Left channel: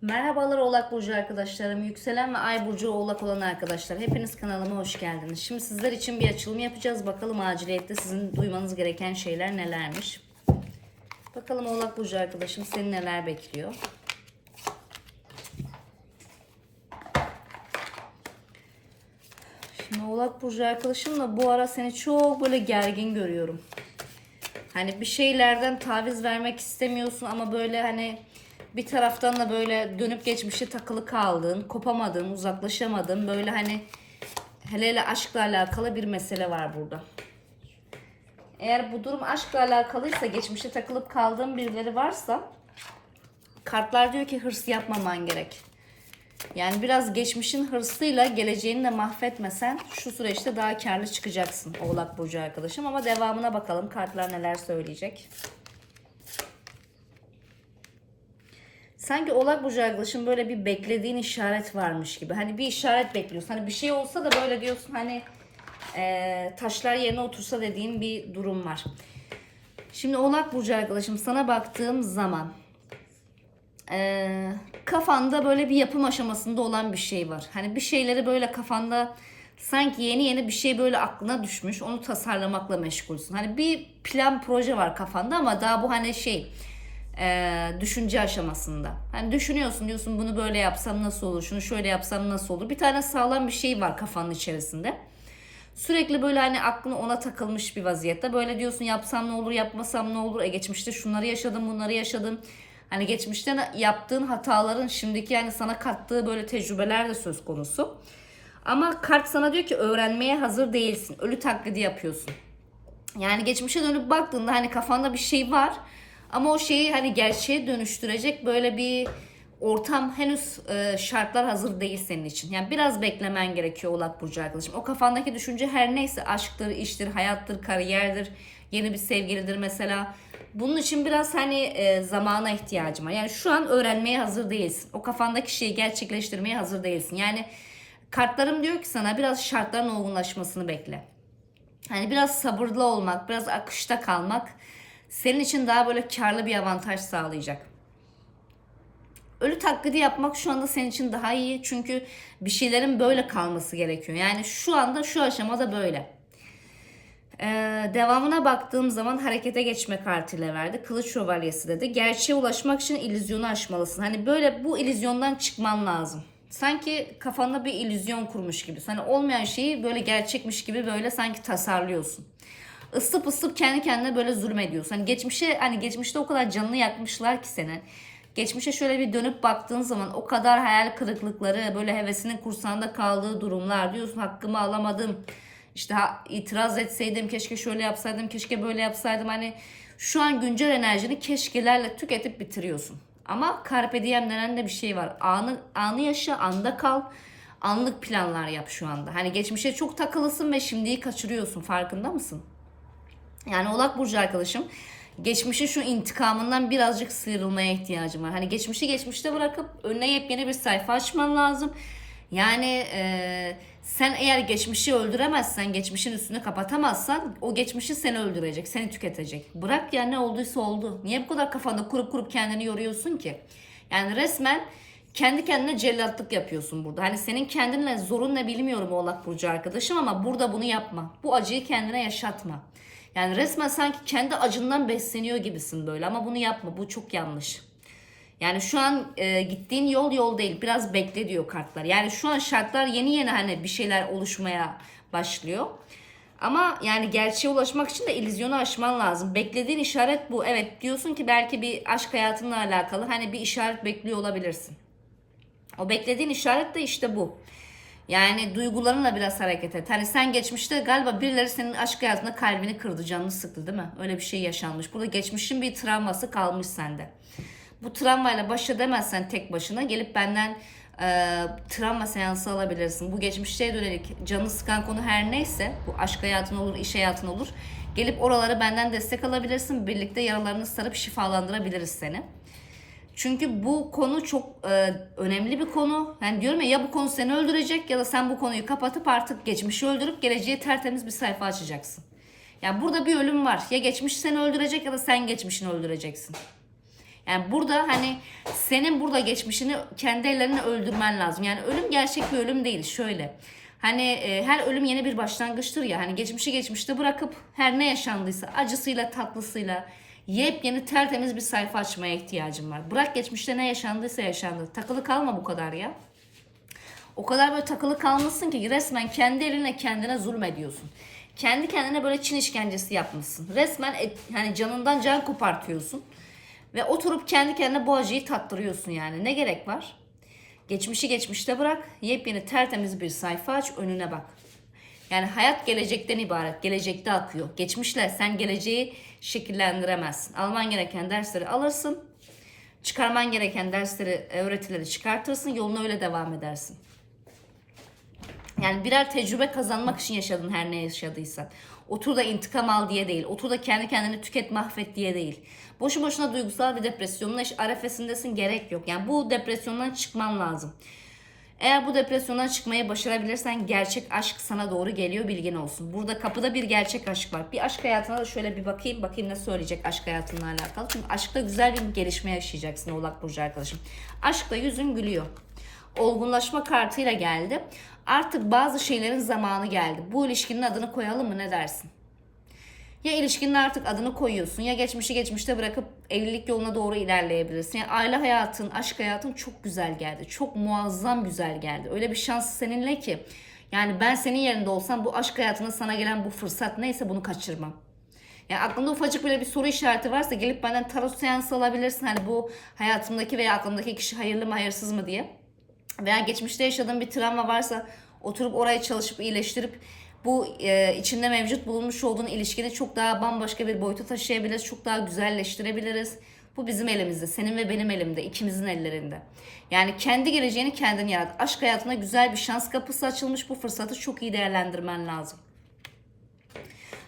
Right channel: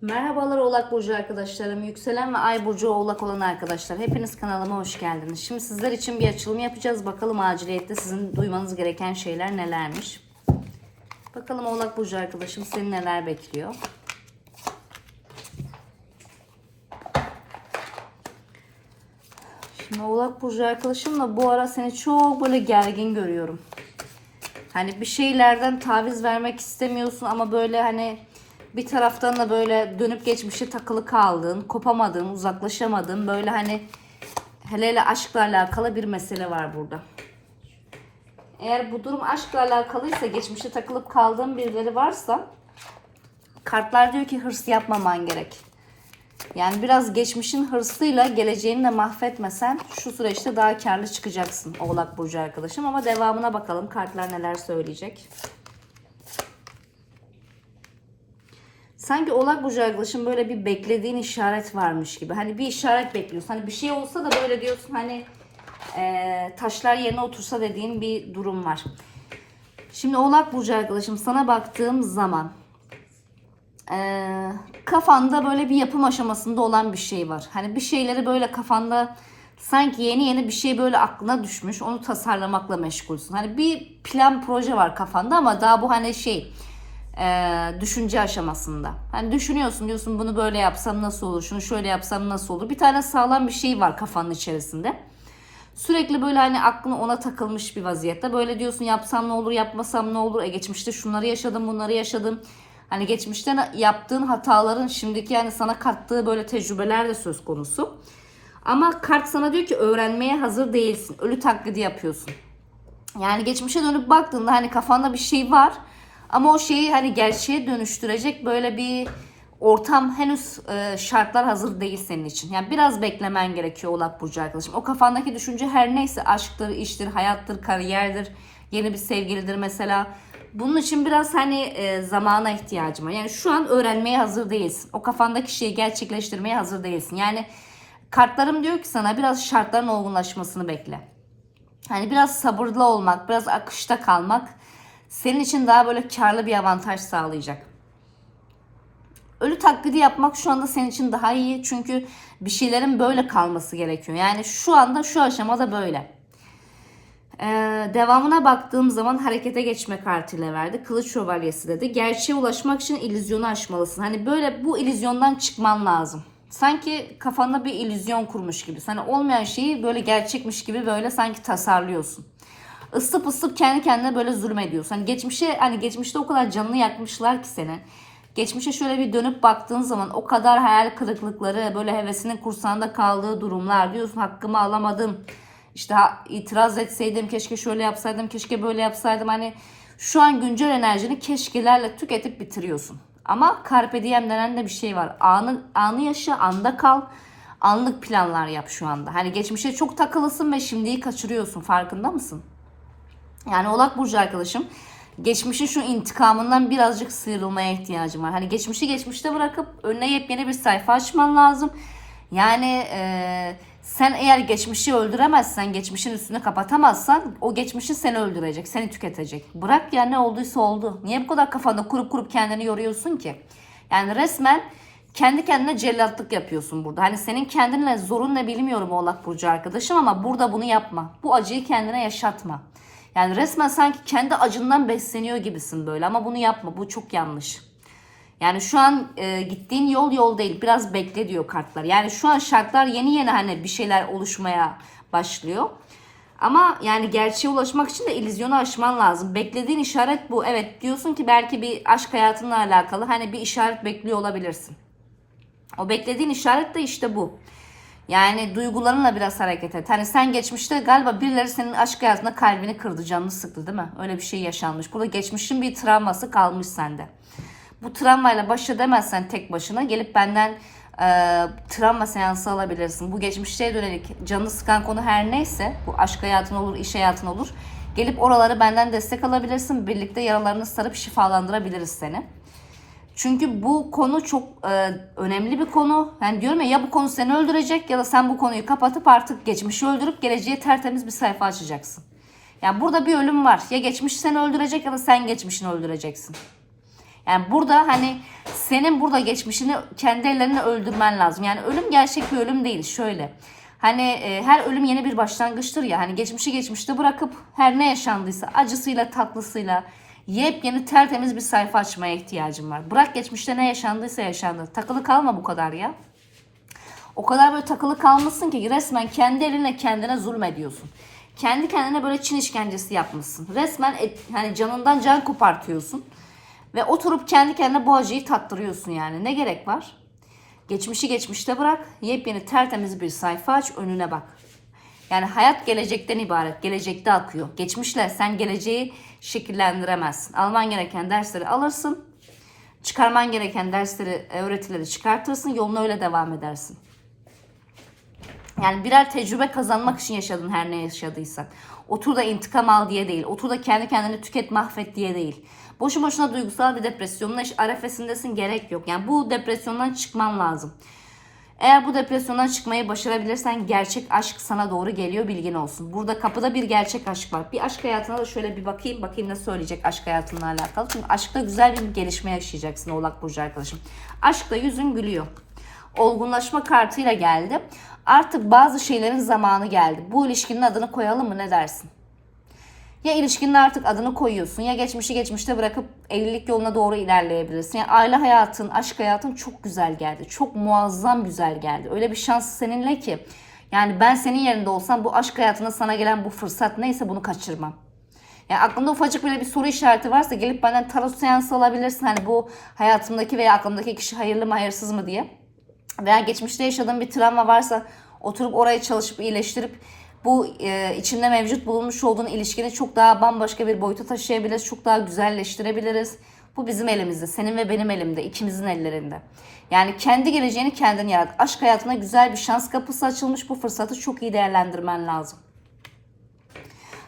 Merhabalar Oğlak Burcu arkadaşlarım. Yükselen ve Ay Burcu Oğlak olan arkadaşlar. Hepiniz kanalıma hoş geldiniz. Şimdi sizler için bir açılım yapacağız. Bakalım aciliyette sizin duymanız gereken şeyler nelermiş. Bakalım Oğlak Burcu arkadaşım seni neler bekliyor. Şimdi Oğlak Burcu arkadaşımla bu ara seni çok böyle gergin görüyorum. Hani bir şeylerden taviz vermek istemiyorsun ama böyle hani bir taraftan da böyle dönüp geçmişe takılı kaldığın, kopamadığın, uzaklaşamadığın böyle hani hele hele aşkla alakalı bir mesele var burada. Eğer bu durum aşkla alakalıysa, geçmişe takılıp kaldığın birileri varsa kartlar diyor ki hırs yapmaman gerek. Yani biraz geçmişin hırsıyla geleceğini de mahvetmesen şu süreçte daha karlı çıkacaksın Oğlak Burcu arkadaşım. Ama devamına bakalım kartlar neler söyleyecek. Sanki Oğlak Burcu arkadaşım böyle bir beklediğin işaret varmış gibi. Hani bir işaret bekliyorsun. Hani bir şey olsa da böyle diyorsun hani eee, taşlar yerine otursa dediğin bir durum var. Şimdi Oğlak Burcu arkadaşım sana baktığım zaman ee, kafanda böyle bir yapım aşamasında olan bir şey var. Hani bir şeyleri böyle kafanda sanki yeni yeni bir şey böyle aklına düşmüş. Onu tasarlamakla meşgulsün. Hani bir plan proje var kafanda ama daha bu hani şey e, düşünce aşamasında. Hani düşünüyorsun diyorsun bunu böyle yapsam nasıl olur? Şunu şöyle yapsam nasıl olur? Bir tane sağlam bir şey var kafanın içerisinde. Sürekli böyle hani aklını ona takılmış bir vaziyette. Böyle diyorsun yapsam ne olur, yapmasam ne olur? E geçmişte şunları yaşadım, bunları yaşadım. Hani geçmişten yaptığın hataların şimdiki yani sana kattığı böyle tecrübeler de söz konusu. Ama kart sana diyor ki öğrenmeye hazır değilsin. Ölü taklidi yapıyorsun. Yani geçmişe dönüp baktığında hani kafanda bir şey var. Ama o şeyi hani gerçeğe dönüştürecek böyle bir ortam henüz e, şartlar hazır değil senin için. Yani biraz beklemen gerekiyor Oğlak Burcu arkadaşım. O kafandaki düşünce her neyse aşktır, iştir, hayattır, kariyerdir, yeni bir sevgilidir mesela. Bunun için biraz hani e, zamana ihtiyacım var. Yani şu an öğrenmeye hazır değilsin. O kafandaki şeyi gerçekleştirmeye hazır değilsin. Yani kartlarım diyor ki sana biraz şartların olgunlaşmasını bekle. Hani biraz sabırlı olmak, biraz akışta kalmak senin için daha böyle karlı bir avantaj sağlayacak. Ölü taklidi yapmak şu anda senin için daha iyi. Çünkü bir şeylerin böyle kalması gerekiyor. Yani şu anda şu aşamada böyle. Ee, devamına baktığım zaman harekete geçme kartıyla verdi. Kılıç şövalyesi dedi. Gerçeğe ulaşmak için illüzyonu aşmalısın. Hani böyle bu illüzyondan çıkman lazım. Sanki kafanda bir illüzyon kurmuş gibi. Hani olmayan şeyi böyle gerçekmiş gibi böyle sanki tasarlıyorsun. Isıp ısıp kendi kendine böyle zulmediyorsun. Hani geçmişe hani geçmişte o kadar canını yakmışlar ki senin. Geçmişe şöyle bir dönüp baktığın zaman o kadar hayal kırıklıkları, böyle hevesinin kursağında kaldığı durumlar diyorsun hakkımı alamadım. İşte itiraz etseydim, keşke şöyle yapsaydım, keşke böyle yapsaydım. Hani şu an güncel enerjini keşkelerle tüketip bitiriyorsun. Ama carpe diem denen de bir şey var. Anı, anı yaşa, anda kal. Anlık planlar yap şu anda. Hani geçmişe çok takılısın ve şimdiyi kaçırıyorsun. Farkında mısın? Yani Oğlak Burcu arkadaşım geçmişin şu intikamından birazcık sıyrılmaya ihtiyacım var. Hani geçmişi geçmişte bırakıp önüne yepyeni bir sayfa açman lazım. Yani eee, sen eğer geçmişi öldüremezsen, geçmişin üstünü kapatamazsan o geçmişi seni öldürecek, seni tüketecek. Bırak ya ne olduysa oldu. Niye bu kadar kafanda kurup kurup kendini yoruyorsun ki? Yani resmen kendi kendine cellatlık yapıyorsun burada. Hani senin kendinle zorun ne bilmiyorum Oğlak Burcu arkadaşım ama burada bunu yapma. Bu acıyı kendine yaşatma. Yani resmen sanki kendi acından besleniyor gibisin böyle ama bunu yapma. Bu çok yanlış. Yani şu an e, gittiğin yol yol değil. Biraz bekle diyor kartlar. Yani şu an şartlar yeni yeni hani bir şeyler oluşmaya başlıyor. Ama yani gerçeğe ulaşmak için de illüzyonu aşman lazım. Beklediğin işaret bu. Evet diyorsun ki belki bir aşk hayatınla alakalı hani bir işaret bekliyor olabilirsin. O beklediğin işaret de işte bu. Yani duygularınla biraz hareket et. Hani sen geçmişte galiba birileri senin aşk hayatında kalbini kırdı, canını sıktı değil mi? Öyle bir şey yaşanmış. Burada geçmişin bir travması kalmış sende. Bu travmayla baş edemezsen tek başına gelip benden e, travma seansı alabilirsin. Bu geçmişte dönelik canını sıkan konu her neyse, bu aşk hayatın olur, iş hayatın olur. Gelip oraları benden destek alabilirsin. Birlikte yaralarını sarıp şifalandırabiliriz seni. Çünkü bu konu çok e, önemli bir konu. Yani diyorum ya ya bu konu seni öldürecek ya da sen bu konuyu kapatıp artık geçmişi öldürüp geleceğe tertemiz bir sayfa açacaksın. Yani burada bir ölüm var. Ya geçmiş seni öldürecek ya da sen geçmişini öldüreceksin. Yani burada hani senin burada geçmişini kendi ellerine öldürmen lazım. Yani ölüm gerçek bir ölüm değil. Şöyle. Hani e, her ölüm yeni bir başlangıçtır ya. Hani geçmişi geçmişte bırakıp her ne yaşandıysa acısıyla tatlısıyla yepyeni tertemiz bir sayfa açmaya ihtiyacım var. Bırak geçmişte ne yaşandıysa yaşandı. Takılı kalma bu kadar ya. O kadar böyle takılı kalmışsın ki resmen kendi elinle kendine zulmediyorsun. Kendi kendine böyle Çin işkencesi yapmışsın. Resmen et, yani canından can kopartıyorsun. Ve oturup kendi kendine bu acıyı tattırıyorsun yani. Ne gerek var? Geçmişi geçmişte bırak. Yepyeni tertemiz bir sayfa aç önüne bak. Yani hayat gelecekten ibaret. Gelecekte akıyor. Geçmişle sen geleceği şekillendiremezsin. Alman gereken dersleri alırsın. Çıkarman gereken dersleri, öğretileri çıkartırsın. Yoluna öyle devam edersin. Yani birer tecrübe kazanmak için yaşadın her ne yaşadıysan. Otur da intikam al diye değil. Otur da kendi kendini tüket mahvet diye değil. Boşu boşuna duygusal bir depresyonla arefesindesin gerek yok. Yani bu depresyondan çıkman lazım. Eğer bu depresyondan çıkmayı başarabilirsen gerçek aşk sana doğru geliyor bilgin olsun. Burada kapıda bir gerçek aşk var. Bir aşk hayatına da şöyle bir bakayım. Bakayım ne söyleyecek aşk hayatınla alakalı. Çünkü aşkta güzel bir gelişme yaşayacaksın Oğlak Burcu arkadaşım. Aşkta yüzün gülüyor. Olgunlaşma kartıyla geldi. Artık bazı şeylerin zamanı geldi. Bu ilişkinin adını koyalım mı ne dersin? Ya ilişkinin artık adını koyuyorsun ya geçmişi geçmişte bırakıp evlilik yoluna doğru ilerleyebilirsin. Yani aile hayatın, aşk hayatın çok güzel geldi. Çok muazzam güzel geldi. Öyle bir şans seninle ki. Yani ben senin yerinde olsam bu aşk hayatında sana gelen bu fırsat neyse bunu kaçırmam. Yani aklında ufacık bile bir soru işareti varsa gelip benden tarot seansı alabilirsin. Hani bu hayatımdaki veya aklımdaki kişi hayırlı mı hayırsız mı diye. Veya geçmişte yaşadığın bir travma varsa oturup orayı çalışıp iyileştirip bu e, içinde mevcut bulunmuş olduğun ilişkini çok daha bambaşka bir boyuta taşıyabiliriz. Çok daha güzelleştirebiliriz. Bu bizim elimizde. Senin ve benim elimde. ikimizin ellerinde. Yani kendi geleceğini kendin yarat. Aşk hayatına güzel bir şans kapısı açılmış. Bu fırsatı çok iyi değerlendirmen lazım.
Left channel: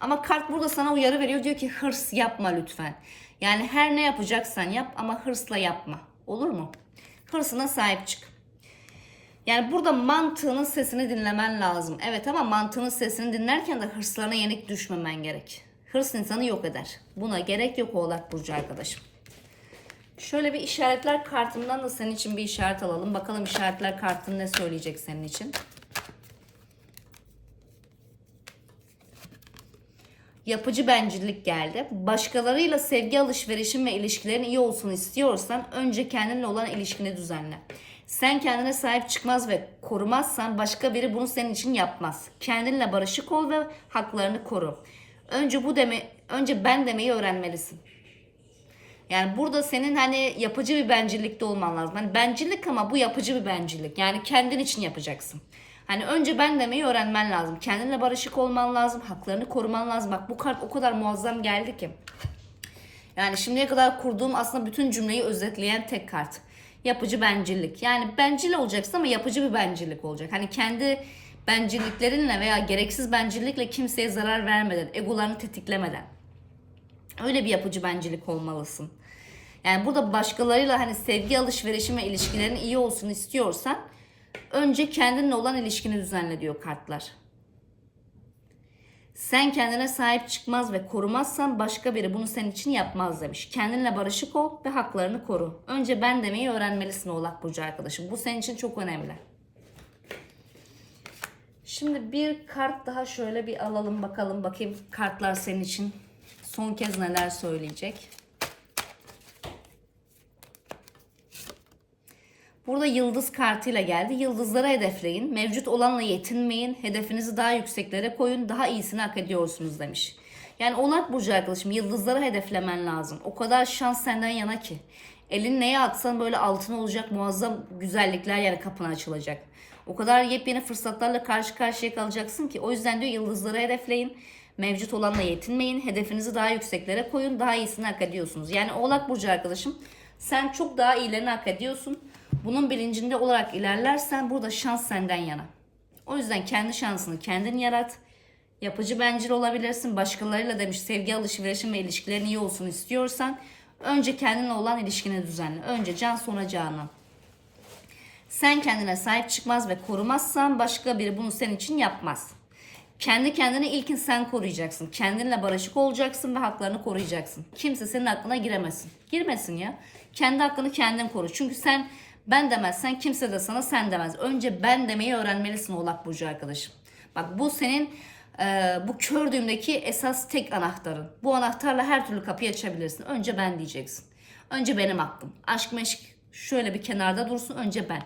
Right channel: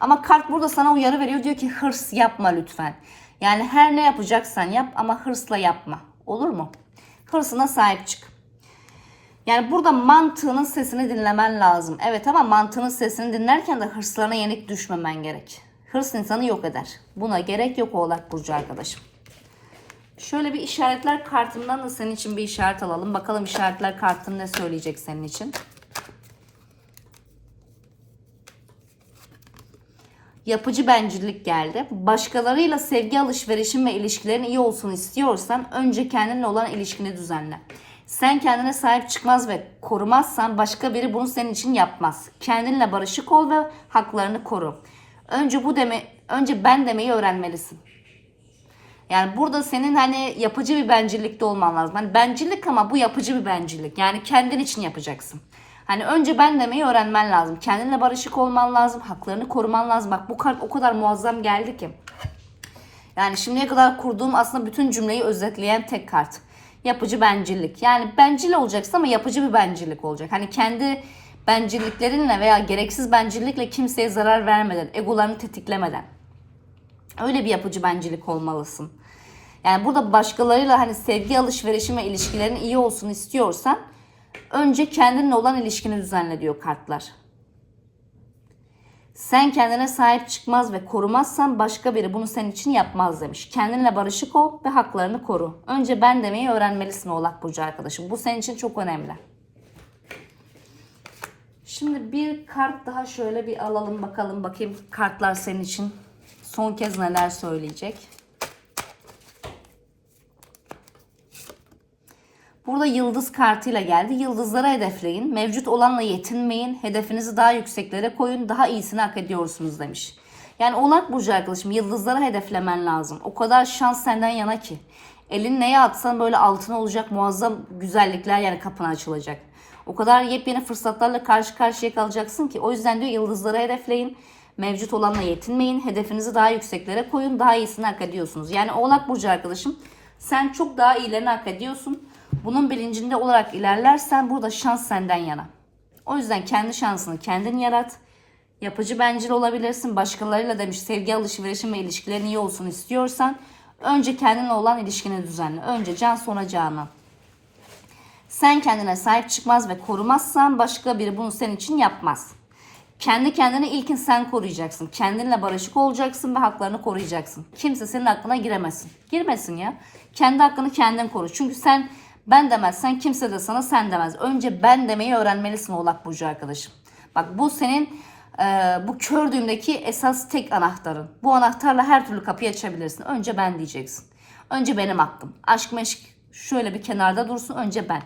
Ama kart burada sana uyarı veriyor. Diyor ki hırs yapma lütfen. Yani her ne yapacaksan yap ama hırsla yapma. Olur mu? Hırsına sahip çık. Yani burada mantığının sesini dinlemen lazım. Evet ama mantığının sesini dinlerken de hırslarına yenik düşmemen gerek. Hırs insanı yok eder. Buna gerek yok Oğlak Burcu arkadaşım. Şöyle bir işaretler kartından da senin için bir işaret alalım. Bakalım işaretler kartın ne söyleyecek senin için. Yapıcı bencillik geldi. Başkalarıyla sevgi alışverişin ve ilişkilerin iyi olsun istiyorsan önce kendinle olan ilişkini düzenle. Sen kendine sahip çıkmaz ve korumazsan başka biri bunu senin için yapmaz. Kendinle barışık ol ve haklarını koru. Önce bu deme önce ben demeyi öğrenmelisin. Yani burada senin hani yapıcı bir bencillikte olman lazım. Hani bencillik ama bu yapıcı bir bencillik. Yani kendin için yapacaksın. Hani önce ben demeyi öğrenmen lazım. Kendinle barışık olman lazım. Haklarını koruman lazım. Bak bu kart o kadar muazzam geldi ki. Yani şimdiye kadar kurduğum aslında bütün cümleyi özetleyen tek kart. Yapıcı bencillik. Yani bencil olacaksın ama yapıcı bir bencillik olacak. Hani kendi bencilliklerinle veya gereksiz bencillikle kimseye zarar vermeden, egolarını tetiklemeden. Öyle bir yapıcı bencillik olmalısın. Yani burada başkalarıyla hani sevgi alışverişin ve ilişkilerin iyi olsun istiyorsan önce kendinle olan ilişkini düzenle diyor kartlar. Sen kendine sahip çıkmaz ve korumazsan başka biri bunu senin için yapmaz demiş. Kendinle barışık ol ve haklarını koru. Önce ben demeyi öğrenmelisin Oğlak Burcu arkadaşım. Bu senin için çok önemli. Şimdi bir kart daha şöyle bir alalım bakalım. Bakayım kartlar senin için son kez neler söyleyecek. Burada yıldız kartıyla geldi. Yıldızları hedefleyin. Mevcut olanla yetinmeyin. Hedefinizi daha yükseklere koyun. Daha iyisini hak ediyorsunuz demiş. Yani Oğlak Burcu arkadaşım yıldızları hedeflemen lazım. O kadar şans senden yana ki. Elin neye atsan böyle altına olacak muazzam güzellikler yani kapına açılacak. O kadar yepyeni fırsatlarla karşı karşıya kalacaksın ki. O yüzden diyor yıldızları hedefleyin. Mevcut olanla yetinmeyin. Hedefinizi daha yükseklere koyun. Daha iyisini hak ediyorsunuz. Yani Oğlak Burcu arkadaşım sen çok daha iyilerini hak ediyorsun. Bunun bilincinde olarak ilerlersen burada şans senden yana. O yüzden kendi şansını kendin yarat. Yapıcı bencil olabilirsin. Başkalarıyla demiş sevgi alışverişin ve ilişkilerin iyi olsun istiyorsan önce kendinle olan ilişkini düzenle. Önce can sonra canan. Sen kendine sahip çıkmaz ve korumazsan başka biri bunu senin için yapmaz. Kendi kendini ilkin sen koruyacaksın. Kendinle barışık olacaksın ve haklarını koruyacaksın. Kimse senin aklına giremesin. Girmesin ya. Kendi hakkını kendin koru. Çünkü sen ben demezsen kimse de sana sen demez. Önce ben demeyi öğrenmelisin Oğlak Burcu arkadaşım. Bak bu senin e, bu kör düğümdeki esas tek anahtarın. Bu anahtarla her türlü kapıyı açabilirsin. Önce ben diyeceksin. Önce benim hakkım. Aşk meşk şöyle bir kenarda dursun. Önce ben.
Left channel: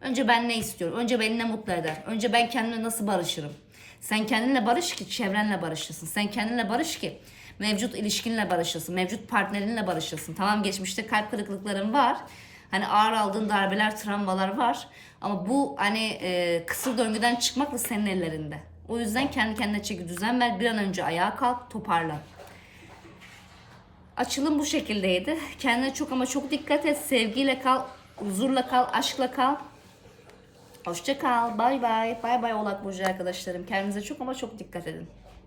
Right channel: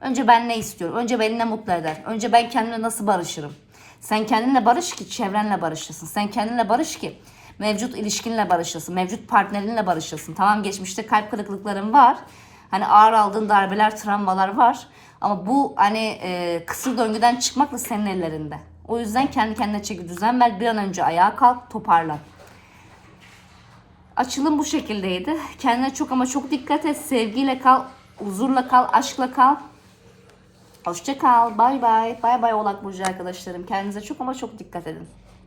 Önce ben ne istiyorum? Önce beni ne mutlu eder? Önce ben kendimle nasıl barışırım? Sen kendinle barış ki çevrenle barışırsın. Sen kendinle barış ki mevcut ilişkinle barışırsın. Mevcut partnerinle barışırsın. Tamam geçmişte kalp kırıklıkların var. Hani ağır aldığın darbeler, travmalar var. Ama bu hani e, kısır döngüden çıkmak da senin ellerinde. O yüzden kendi kendine çeki düzen ver. Bir an önce ayağa kalk, toparlan. Açılım bu şekildeydi. Kendine çok ama çok dikkat et. Sevgiyle kal, huzurla kal, aşkla kal. Hoşça kal. Bay bay. Bay bay Oğlak Burcu arkadaşlarım. Kendinize çok ama çok dikkat edin.